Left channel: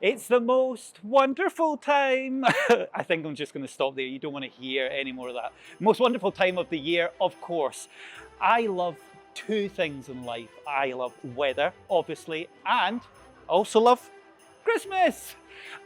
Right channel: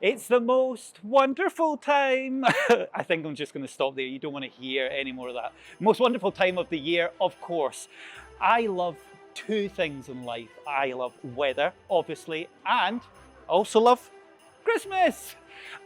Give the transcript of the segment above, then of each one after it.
It's the most wonderful time. I think I'm just going to stop there. You don't want to hear any more of that. Most wonderful time of the year, of course. I love two things in life. I love weather, obviously, and I also love Christmas.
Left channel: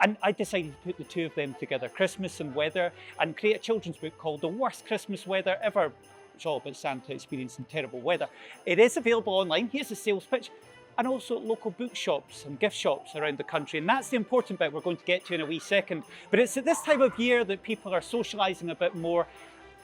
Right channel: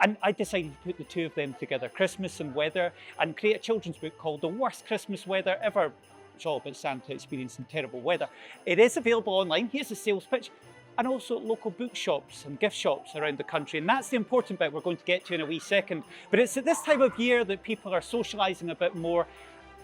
And I decided to put the two of them together, Christmas and weather, and create a children's book called The Worst Christmas Weather Ever. It's all about Santa experiencing terrible weather. It is available online. Here's the sales pitch. And also at local bookshops and gift shops around the country. And that's the important bit we're going to get to in a wee second. But it's at this time of year that people are socialising a bit more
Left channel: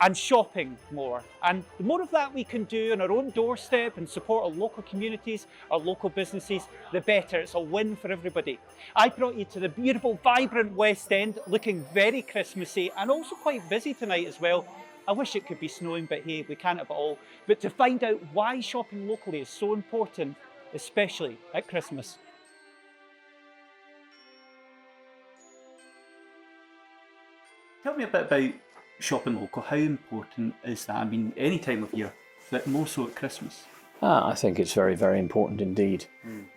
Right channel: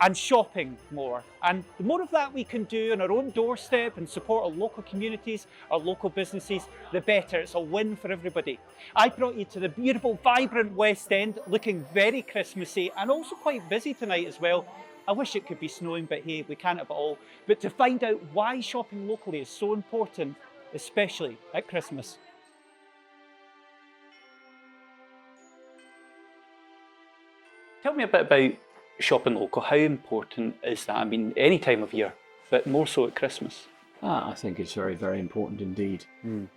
and shopping more. And the more of that we can do on our own doorstep and support our local communities, our local businesses, the better. It's a win for everybody. I brought you to the beautiful, vibrant West End, looking very Christmassy and also quite busy tonight as well. I wish it could be snowing, but hey, we can't have it all. But to find out why shopping locally is so important, especially at Christmas. Tell me a bit about shopping local. How important is that? I mean, any time of year, but more so at Christmas. I think it's very, very important indeed.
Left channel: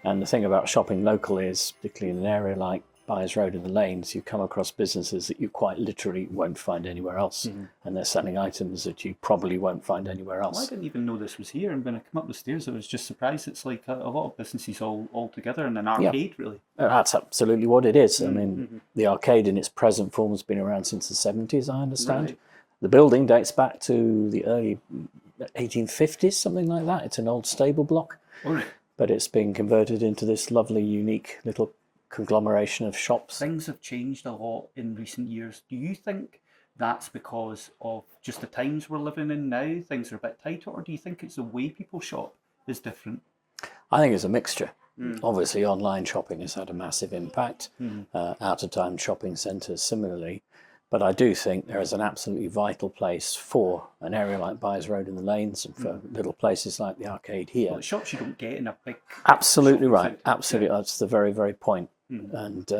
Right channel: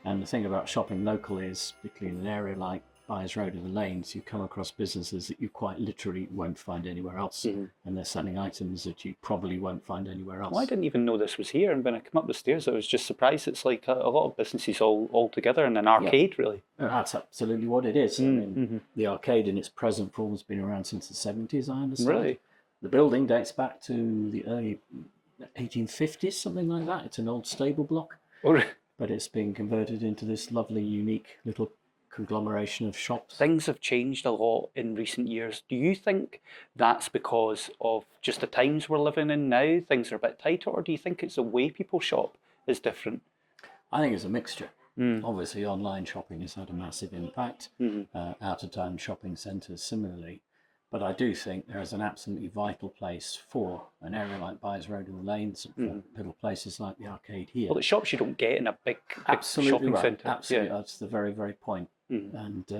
And the thing about shopping locally is, particularly in an area like Byers Road and the Lanes, you come across businesses that you quite literally won't find anywhere else. And they're selling items that you probably won't find anywhere else. Well, I didn't even know this was here, and when I come up the stairs I was just surprised. It's like a lot of businesses all together in an arcade, really. That's absolutely what it is. I mean, the arcade in its present form has been around since the 70s, I understand. Right. The building dates back to the early 1850s, something like that. It's an old stable block, but it's been converted into this lovely, unique little conglomeration of shops. Things have changed a lot in recent years. Do you think that's because of just the times we're living in now? Things are a bit tighter, or do you think it's the way people shop is different? I think it's a mixture. Obviously, online shopping has had a massive impact. Out-of-town shopping centres similarly. But I do think there is an absolutely vital place for an area like Byers Road and the Lanes, and for little places like the arcade here. Well, the shops you don't get in a big Absolutely shopping right. centre. Absolutely, that's the very, very point. And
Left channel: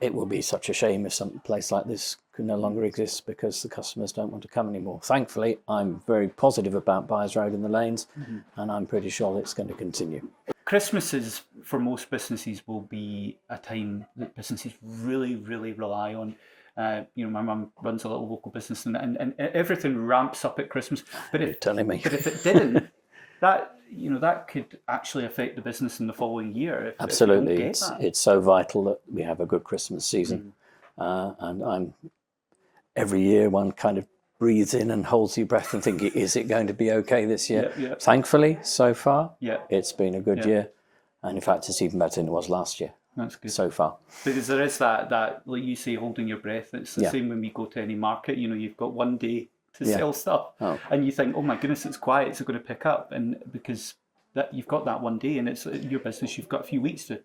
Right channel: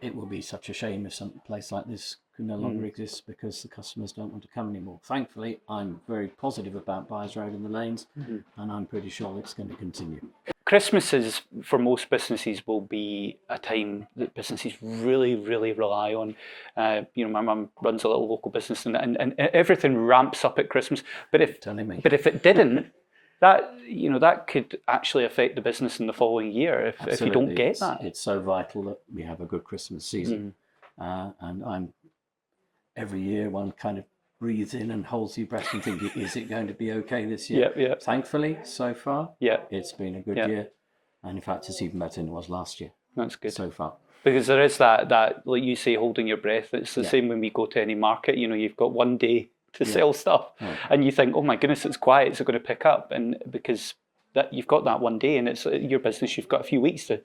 it will be such a shame if some place like this can no longer exist because the customers don't want to come anymore. Thankfully, I'm very positive about Byers Road and the Lanes, and I'm pretty sure it's going to continue. Christmases for most businesses will be a time that businesses really, really rely on. My mum runs a little local business, and everything ramps up at Christmas. But if it didn't, that could actually affect the business in the following year if you don't get that. It's so vital that we have a good Christmas season, and every year one kind of breathes in and holds your breath and think, is it going to be okay this year? Thankfully, so far, it's been a good year, and in fact, it's even better than it was last year. That's good so far. Because there is that like you say, holding your breath. It's the same when we go to any market. You've got one day to sell stuff, and you think, oh my goodness, it's quiet, it's going to pick up, and because that you've got that one day, and it's your business, you've got a few weeks to,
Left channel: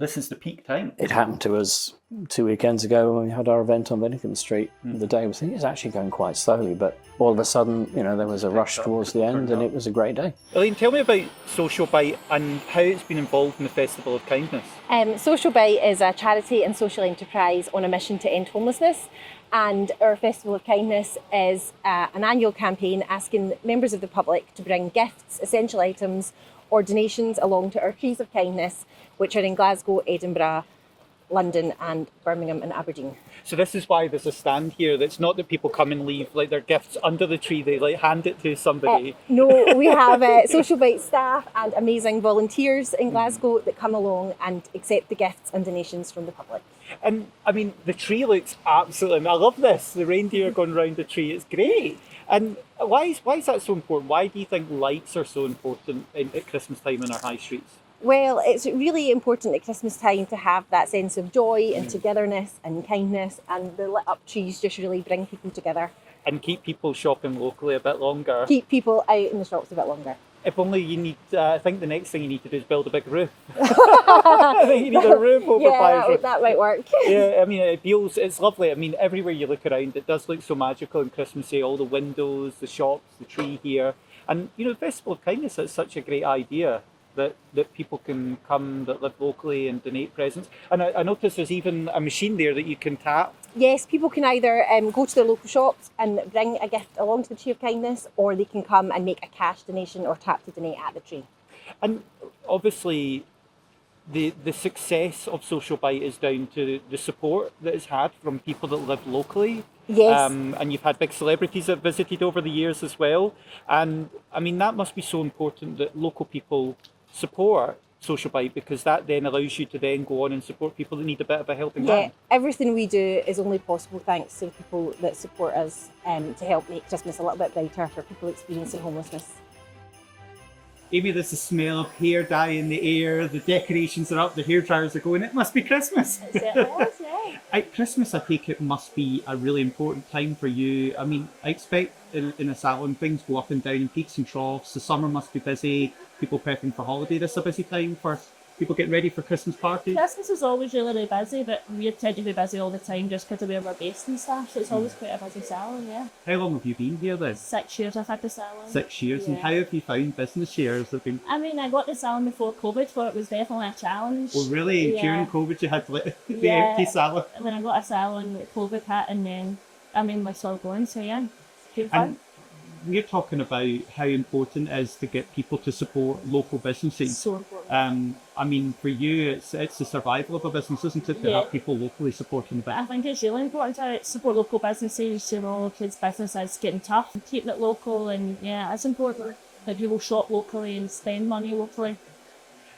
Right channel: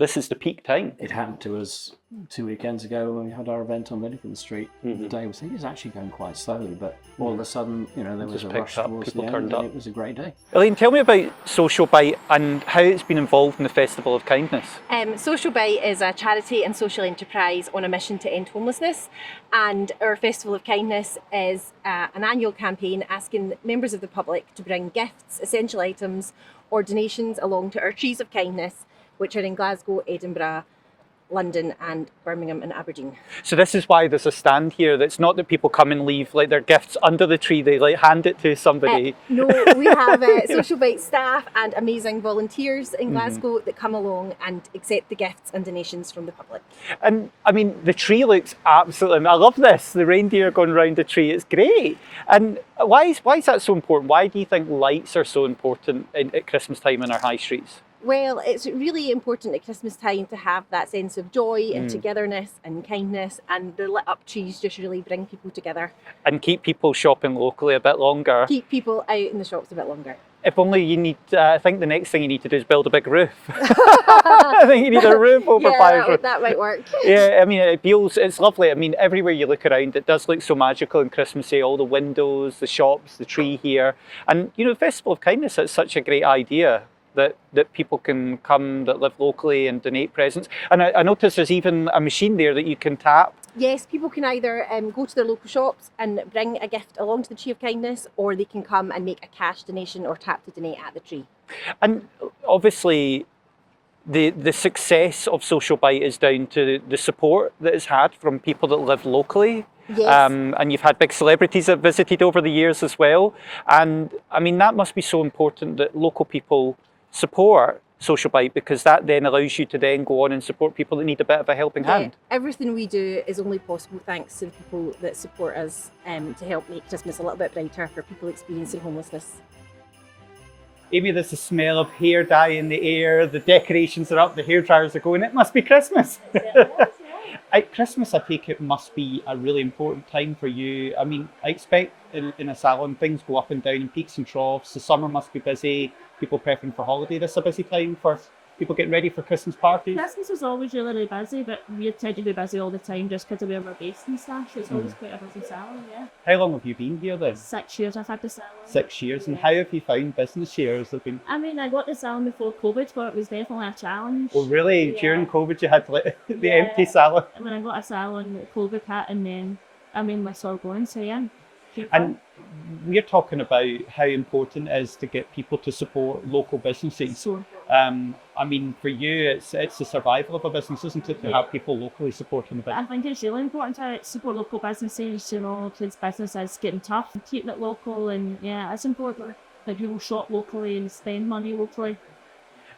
this is the peak time. It happened to us 2 weekends ago when we had our event on Winnington Street. The day was, it's actually going quite slowly, but all of a sudden, there was a rush towards the end, and it was a great day. Elaine, tell me about Social Bite and how it's been involved in the Festival of Kindness. Social Bite is a charity and social enterprise on a mission to end homelessness, and our Festival of Kindness is an annual campaign asking members of the public to bring gifts, essential items, or donations along to our Trees of Kindness, which are in Glasgow, Edinburgh, London and Birmingham and Aberdeen. So this is why there's a stand here. That's not that people come and leave like their gifts under the tree, they hand it to somebody. No, we have Social Bite staff and amazing volunteers in Glasgow that come along and accept the gifts and donations from the public. And I mean, the tree looks absolutely, I love this, the reindeer going round the tree, it's great. And why is that so important? Why do you think lights are so important at Christmas time in our high streets? Well, it's really important at Christmas time to have that sense of joy and togetherness and kindness, and the lit up trees just really bring people together. And keep people shopping locally a bit longer. Keep people out in the shops a bit longer. If only you need, I think the next thing you need to do is build a big roof. I think you need a roof over Byers Road. That might work. Yeah, I mean, it's lovely. I mean, everywhere you look around, it does look so magical and Christmassy. All the windows, the shops, the tree here. And, the Festival of Kindness is such a great idea that people can come that live locally and donate presents. And I noticed there's even a machine there that you can tap. Yes, people can either go to their local shops and bring a gift along to the Tree of Kindness, or they can come and make a cash donation or tap to donate at the tree. And obviously, the success of Social Bite is down to the support that it's had from people that live locally. Yes. And you've had big celebrities that visited over the years as well. And I mean, that must be so important that local people support Social Bite, because that then allows you to then go on and support people that need a bit of a helping hand. Everything we do is only possible thanks to the people that support us to help make Christmas a little bit brighter for people experiencing homelessness. Amy, there's the smell of hair dye in the air, the decorations are up, the hairdryers are going, it must be Christmas. At Christmas, I take it, must be a really important time for you. I mean, I expect in a salon things go up and down in peaks and troughs. The summer must be busy, people prepping for holiday. This is a busy time for people getting ready for Christmas parties. Christmas is always really, really busy, but we tend to be busy all the time just because of where we're based and stuff. So it's always quite a busy salon, yeah. How long have you been here then? 6 years I've had the salon. 6 years. And how have you found business shares? Have been... I mean, I got the salon before COVID, but it was definitely a challenge. Well, really? Yeah. During COVID, you had the empty salon? When I got a salon, COVID hit, and then, I mean, we're still going, so yeah. And we're talking about how important it is to get people to support local businesses. So I mean, for you, it's the survival of a business, isn't it, to have people locally supporting the business? I think it's really important to support local businesses, you know, kids' business is getting tough. Keep it local, and yeah, it's important that people shop locally and spend money locally.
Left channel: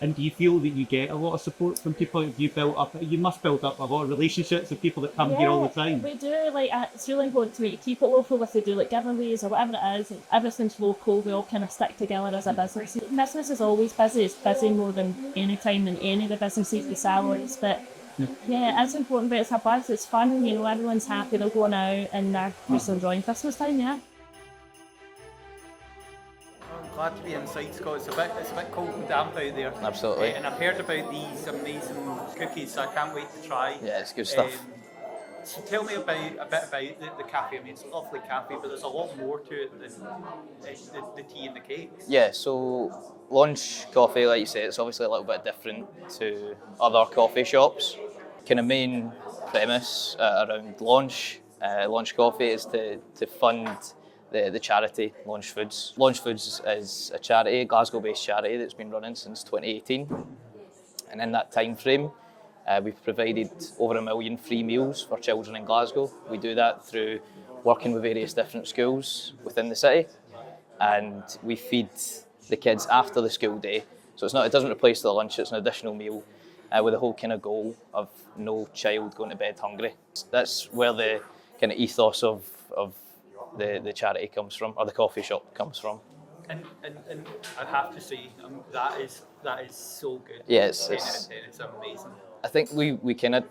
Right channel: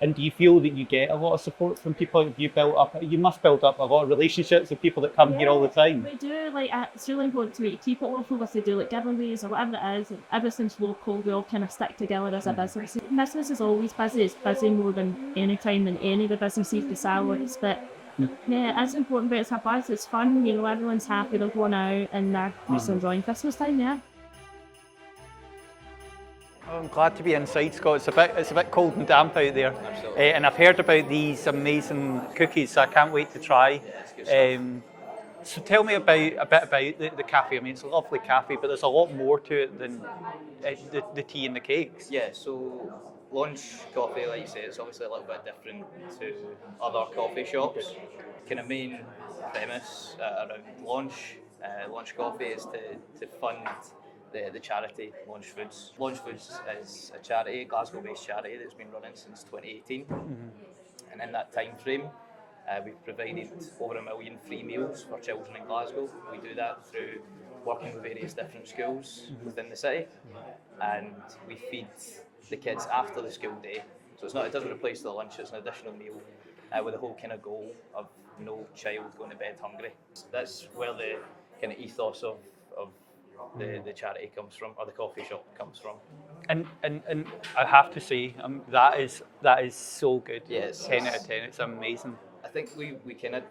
And do you feel that you get a lot of support from people? You must build up a lot of relationships with people that come here all the time. We do, like, it's really important to me to keep it local. If they do like giveaways or whatever it is, everything's local, we all kind of stick together as a business. Business is always busy, it's busy more than any time than any of the businesses, the salaries, but yeah, it's important, but it's a buzz, it's fun, you know, everyone's happy, they're going out and they're just enjoying Christmas time, yeah. I'm glad to be inside, Scott. It's a bit cold and damp out there. Absolutely. And I've heard about these amazing cookies, so I can't wait to try. Yeah, it's good stuff. So tell me a bit about the cafe. I mean, it's a lovely cafe, but there's a lot more to it than the tea and the cakes. Yeah, so lunch coffee, like you said, it's obviously a little bit different to other coffee shops. Kind of main premise around lunch coffee is to fund the charity Launch Foods. Launch Foods is a charity, Glasgow-based charity that's been running since 2018. And in that time frame, we've provided over 1 million free meals for children in Glasgow. We do that through working with various different schools within the city, and we feed the kids after the school day. So it doesn't replace the lunch, it's an additional meal with the whole kind of goal of no child going to bed hungry. That's where the kind of ethos of the charity comes from, or the coffee shop comes from. And I have to say, that is so good. Yes, 10 out of 10. It's amazing. I think we kind of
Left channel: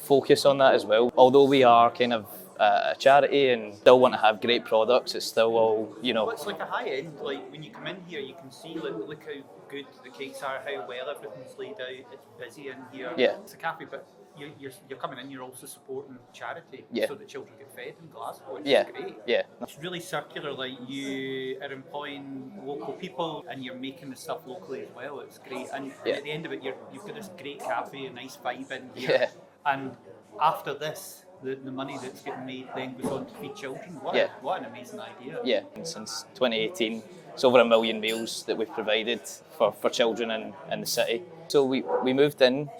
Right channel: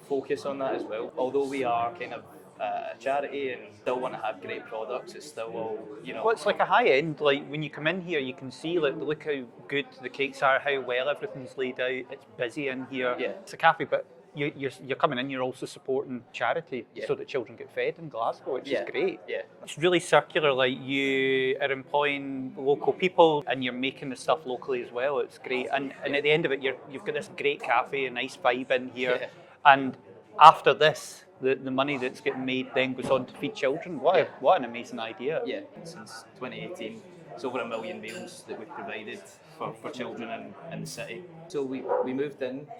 focus on that as well. Although we are kind of a charity and still want to have great products, it's still all, you know. Well, it's like a high end. Like when you come in here, you can see look how good the cakes are, how well everything's laid out. It's busy in here. Yeah. It's a cafe, but you're coming in. You're also supporting charity, so that children get fed in Glasgow, which is great. Yeah. It's really circular. Like you are employing local people, and you're making the stuff locally as well. It's great. And at the end of it, you've got this great cafe, a nice vibe in here. Yeah. And after this, the money that's getting made then goes on to feed children. What an amazing idea. Yeah. Since 2018, it's over 1 million meals that we've provided for children in the city. So we moved in,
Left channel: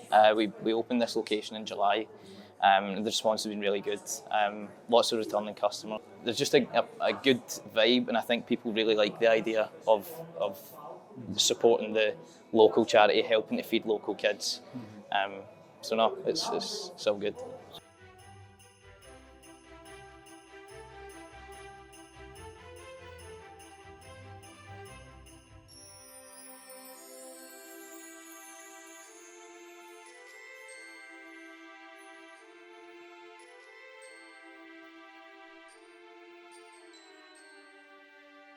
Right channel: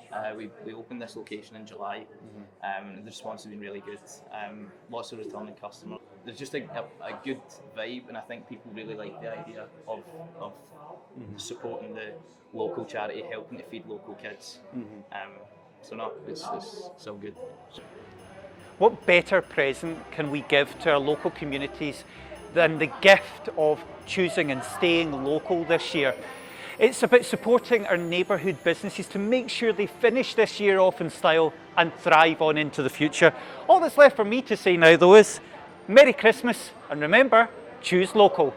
we opened this location in July, and the response has been really good. Lots of returning customers. There's just a good vibe, and I think people really like the idea of supporting the local charity, helping to feed local kids. So no, it's so good. What better present can we give to our local communities than the gift of choosing and staying local this year? It's about supporting our neighbourhood businesses to make sure they finish this year off in style and thrive on into the future. All that's left for me to say now, though, is Merry Christmas, and remember, choose local.